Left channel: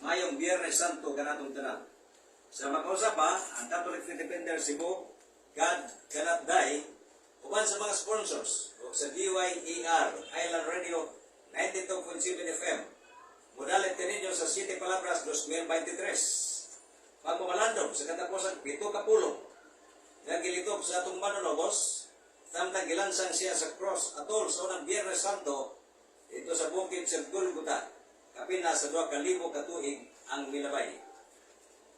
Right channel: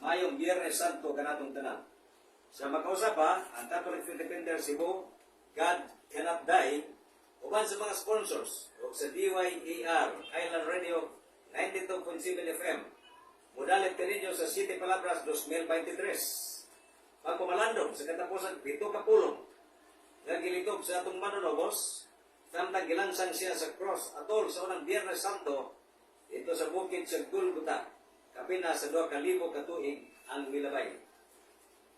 mayong Biyernes Santo kanatong tanan. Sa makausap pa, ang Catholic Faith Defender Cebu, God Cannot Die, uban sa mga sponsors o sa DYER Island Radio 92.7 FM. Mudalit kaninyo sa City Palabras 2023. Pagpumalandong sa katapusan, 7 kapulong. Nagilitog sa atong manunobos, samtang gilansang siya sa cross atol sa unang Biyernes Santo ito sa bukid sa Golgota, kapina sa 2,000 katuig ang milabay.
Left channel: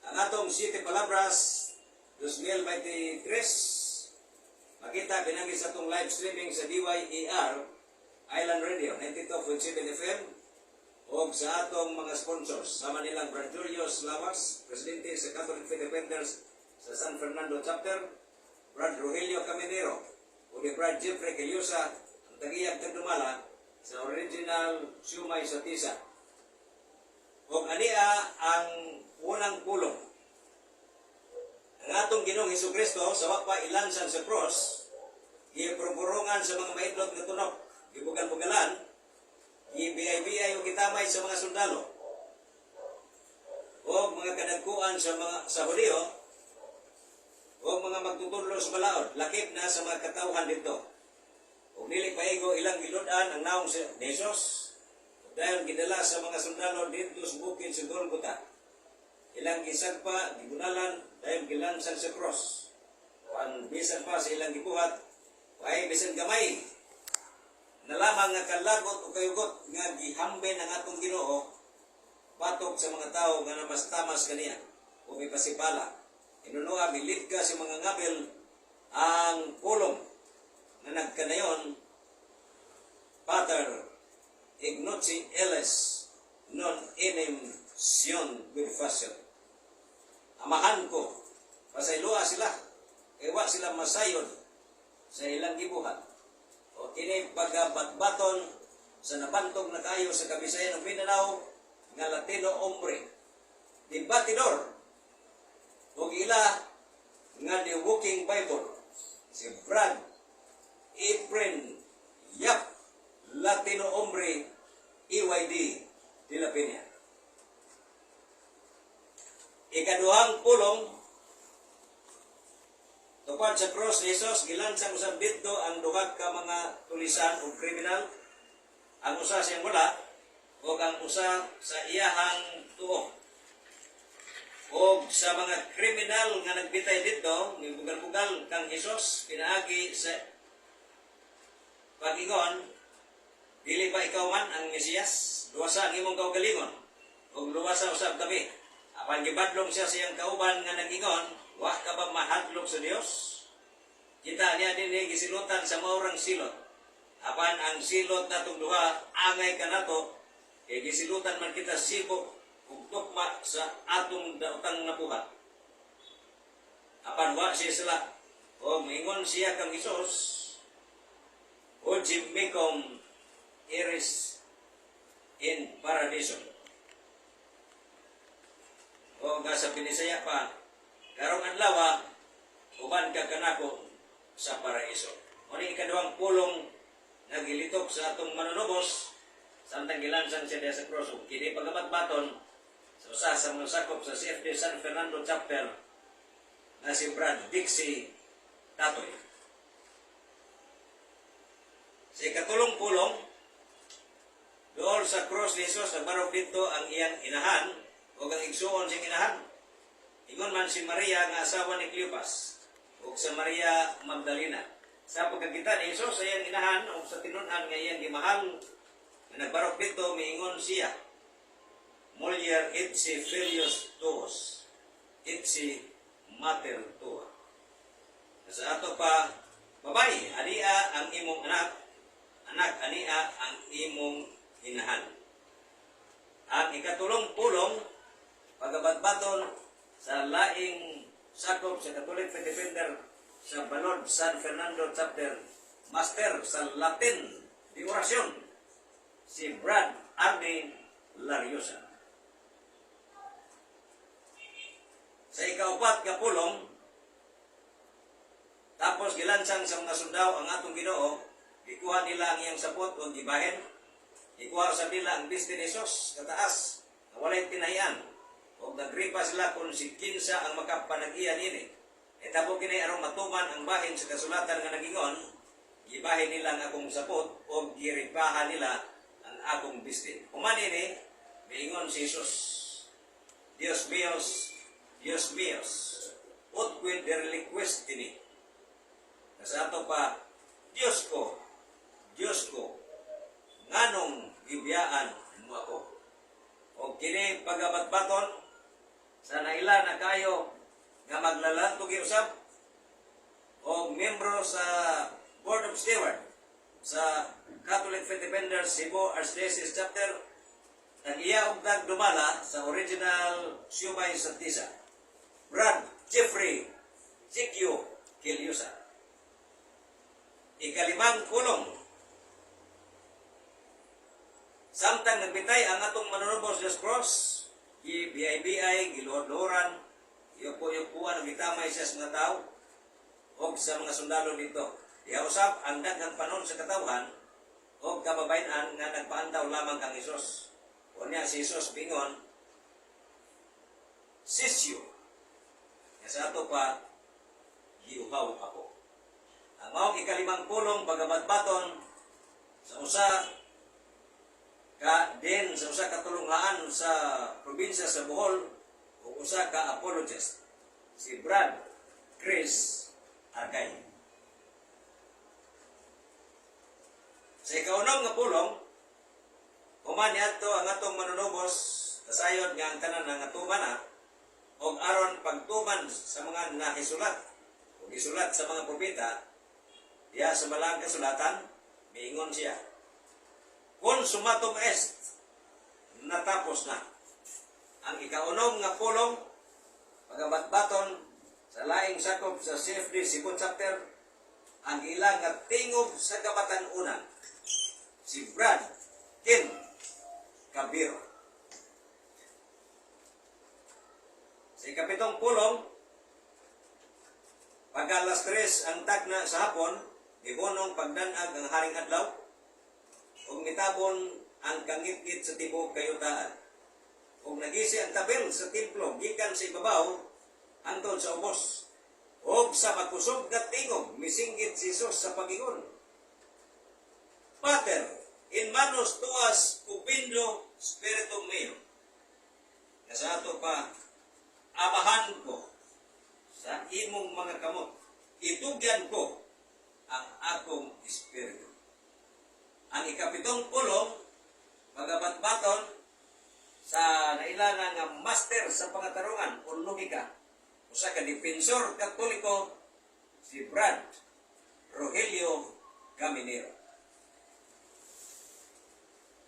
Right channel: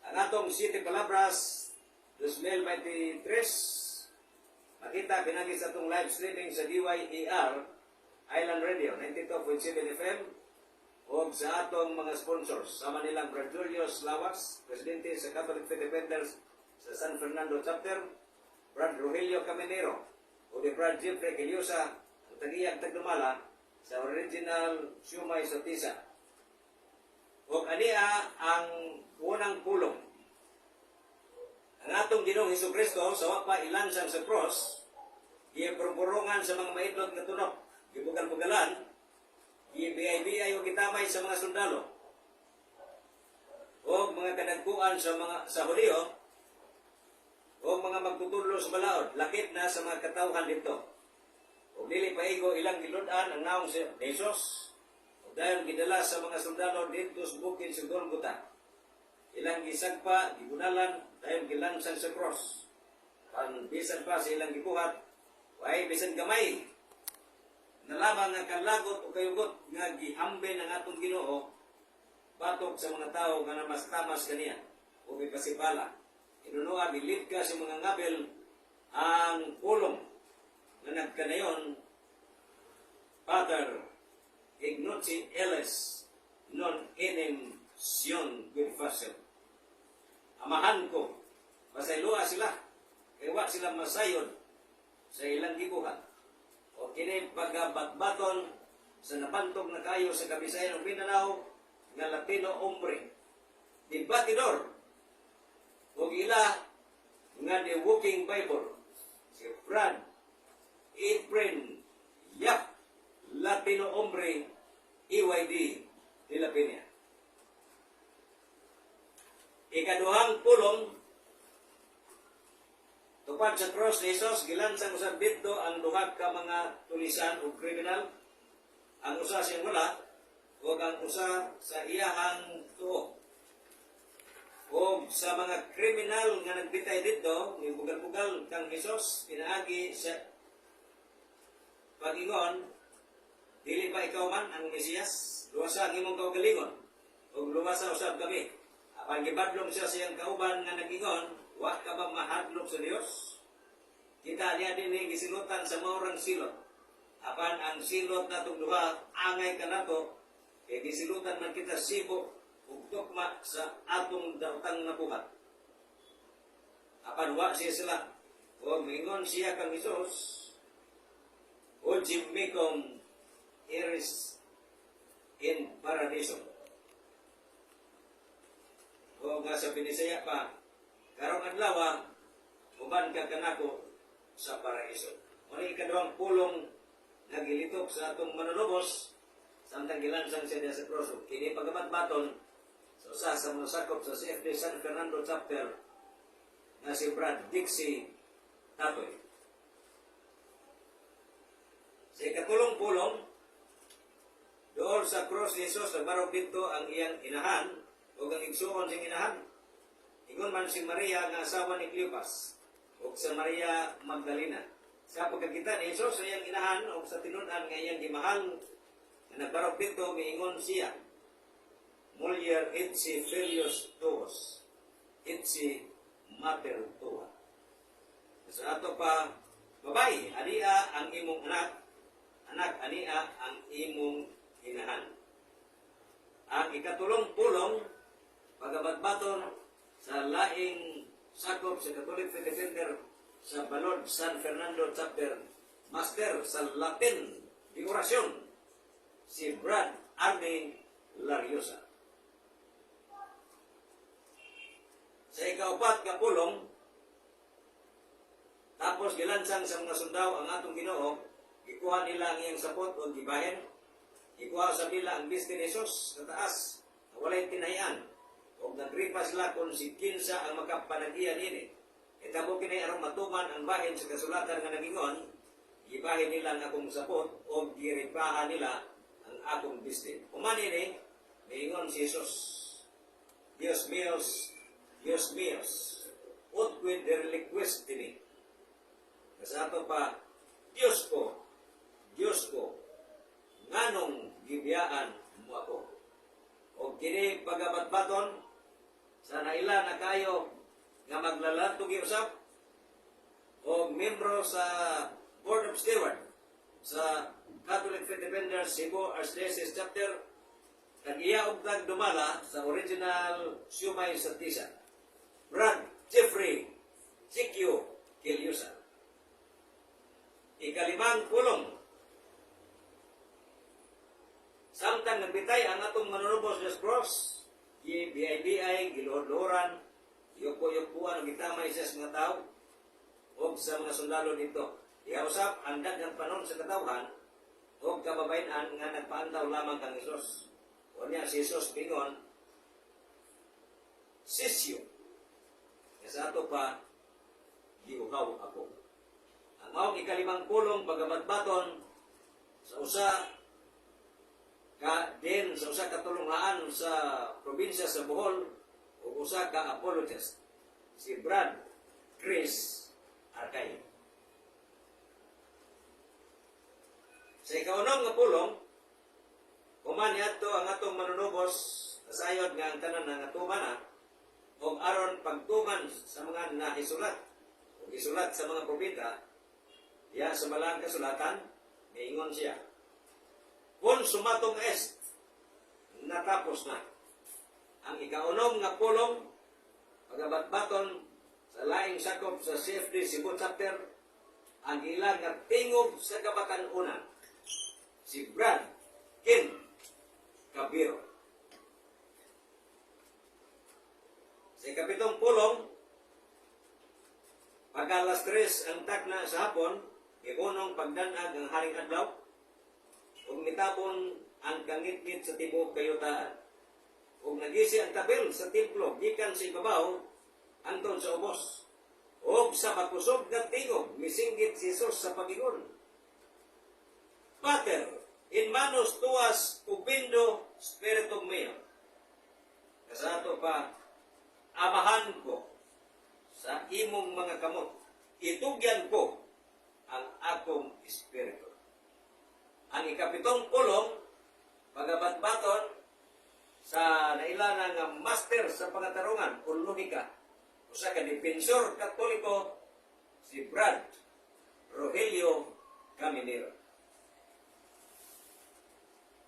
Ang atong City Palabras 2023, makita pinagi sa atong live streaming sa DYER Island Radio 92.7 FM o sa atong mga sponsors. Sama nilang Brad Julius Lawas, Presidente sa Catholic Faith Defenders sa San Fernando Chapter, Brad Rogelio Caminero, o ni Brad Jeffrey Keliosa, ang tagiyang Tagdumala sa original Siumay sa Tisa. O ania ang unang pulong. Ang atong Ginoong Hesukristo sa wapa ilansang sa cross, giprogurungan sa mga maidlot nga tunok, gibugal-bugalan, gibiyay-biyay o gitamay sa mga sundalo, o mga kadagkuan sa Hudiyo, o mga magtutudlo sa balaod, lakip na sa mga katawhan dito. O nili paigo ilang giludan ang naong si Jesus, dahil gidala sa mga sundalo dito sa bukid sa Golgota. Ilang gisagpa, gigunalan, dahil gilansang sa cross. Ang bisan pa sa ilang gibuhat, ay bisan gamay. Nalamang nga kalagot o kayugot nga gihambe ng atong Ginoo, patok sa mga tao nga namas-tamas kaniya, o may pasipala. Inunuha, milid ka sa mga ngabil ang pulong na nagkanayon, Pater Ignacio Ellis non enim sion with fashion. Amahan ko, pasaylua sila, ewa sila masayon sa ilang gibuhat. O kini pagbatbaton sa napantog na kayo sa Kabisayan ng Mindanao nga Latino hombre, di batidor, o ila nga the Walking Bible, si Brad Efren Yap, Latino hombre, EYD de la Peña. Ikaduhang pulong, tupad sa cross ni Jesus, gilansang usab dito ang duha ka mga tulisan o kriminal, ang usa siyang wala, o ang usa sa iyahang tuo. O sa mga kriminal nga nagbitay dito, may bugal-bugal kang Jesus, pinaagi sa pag-ingon, dili ba ikaw man ang Mesiyas? Luwasa ang imong kaugalingon, o luwasa usab kami. Apan gibadlong siya siyang kauban nga nag-ingon, wa ka ba mahadlok sa Dios? Kita niya din gisilutan sa maurang silot. Apan ang silot natong duha, angay ka nato, kay gisilutan man kita sibo, ug tukma sa atong daotang nabuhat. Apan wa siya sila, o mingon siya kang Isos, o jimikom iris in paradiso. O nga sa Pinisaya pa, karong adlaw uban ka kanako sa paraiso. O ni ikaduhang pulong nagilitok sa atong manunubos, samtang gilansang siya sa cross. Kini pagamatbaton sa usa sa mga sakop sa CFD San Fernando Chapter na si Brad Dixie Tatoy. Sa ikatulong pulong, doon sa cross ni Jesus, nabarog dito ang iyang inahan, o ang igsuon siyang inahan. Ingon man si Maria nga asawa ni Cleopas, o sa Maria Magdalena. Sa pagkakita ni Jesus sa iyang inahan, o sa tinunan nga iyang gimahal, na nagbarok dito, miingon siya, Mulier itsi filius tuos, itsi mater tua. Sa ato pa, babae, ania ang imong anak, anak, ania ang imong inahan. Ang ikatulong pulong, pagabatbaton sa laing sakop sa Catholic Faith Defender sa Balod San Fernando Chapter, Master sa Latin di Orasyon, si Brad Arne Lariosa. Sa ikaupat ka pulong, tapos gilansang sa mga sundaw ang atong Ginoo, ikuha nila ang iyang sapot o gibahin, ikuha sa nila ang biste ni Jesus kataas, wala walay tinahian. O nagripa sila kung si kinsa ang makapanagian ini. Tabo kini arong matuman ang bahin sa kasulatan nga nagingon, gibahin nila ang akong sapot o giripahan nila ang akong bistin. Kumani ni, miingon si Jesus, Dios míos, ut quid reliquest ini. Sa ato pa, Diyos ko, nganong gibiyaan mo ako. O kini pagabatbaton, sa naila na kayo nga maglalantog usab o membro sa Board of Steward sa Catholic Faith Defenders Cebu Archdiocese Chapter, nag-iya og dumala sa original Siubay sa Tisa, Brad Jeffrey Sikyo Kilyusa. Ikalimang kulong, samtang nagbitay ang atong manunubos Diyos Cross, GBI, giluhod-luhuran, yupo-yupuan, gitamay siya sa mga tao, o sa mga sundalo dito. Ihausap ang daghang panon sa katawhan, o kababayan nga nagpaandaw lamang kang Isos. O niya si Isos pingon, Sisyo, sa ato pa, giuhaw ako. Ang maong ikalimang pulong pagabatbaton sa usa katulungan sa probinsya sa Bohol o usa ka apologist, si Brad Chris Argay. Sa ikaunong nga pulong, kumani ato ang atong manunubos kasayod nga ang tanan nga tuman o aron pagtuman sa mga nahisulat o isulat sa mga propeta, diya sa malang kasulatan, miingon siya, consumatum est, natapos na. Ang ikaunom nga pulong, pagabatbaton sa laing sakop sa CFD Cebu Chapter, ang ilang nga tingob sa kabatan-unan, si Brad Kim Cabiro. Sa ikapitong pulong, pag alas 3 ang tagna sa hapon, ibunong pagdanag ang haring adlaw, ug mitabon ang kangit-ngit sa tibok kayutaan. Ug nagisi ang tabel sa templo gikan sa ibabaw anton sa ubos. Ug sa makusog na tingog misinggit si Jesus sa pagingon, Pater, in manus tuas ubindo spiritum meo. Sa ato pa, amahan ko sa imong mga kamot, itugyan ko ang akong espiritu. Ang ikapitong pulong, magabatbaton sa nailangan nga master sa pangatarungan o logika, usa ka dipensor katoliko, si Brad Rogelio Caminero.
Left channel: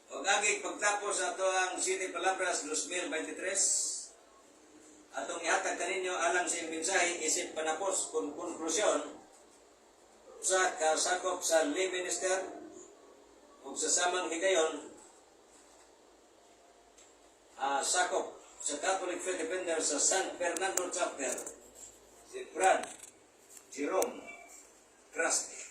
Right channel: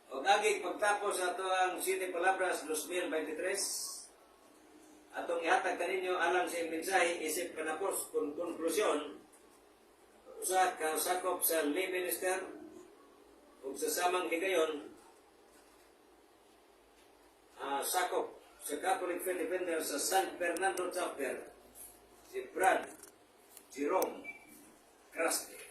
O agig pagtapos sa ito ang City Palabras 2023, atong ihatag kaninyo alang sa mensahe isip panapos kung konklusyon sa kasakop sa lay minister ug sa samang higayon sakop sa Catholic Faith Defenders sa San Fernando Chapter, si Brad Jerome Krasky.